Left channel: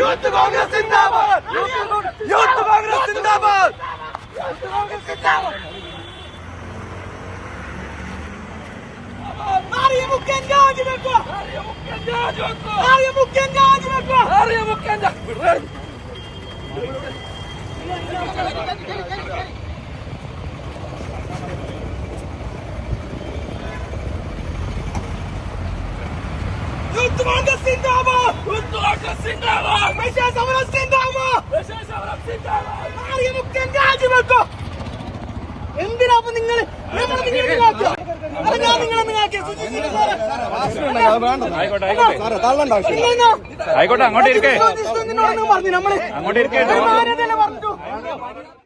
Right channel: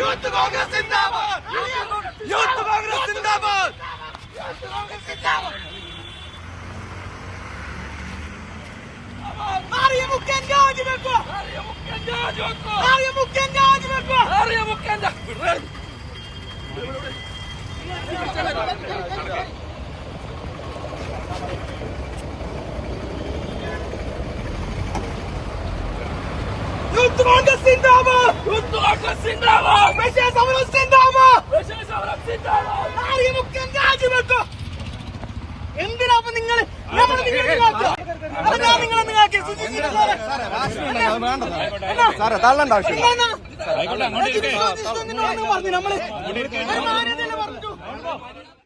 Youth Congress സിന്ദാബാദ്. Youth Congress സിന്ദാബാദ്. ആര്യമുഖ്യൻ രാജിവെക്കുക. ആര്യമുഖ്യൻ രാജിവെക്കുക. Youth Congress സിന്ദാബാദ്. Youth Congress സിന്ദാബാദ്. വിജയ സമരം സിന്ദാബാദ്. വിജയ സമരം സിന്ദാബാദ്. ആര്യമുഖ്യൻ രാജിവെക്കുക. എന്തിനാ നിങ്ങൾ ആയിക്കോട്ടെ, അങ്ങോട്ട് ഇരിക്കേ. പറഞ്ഞു നമ്മള്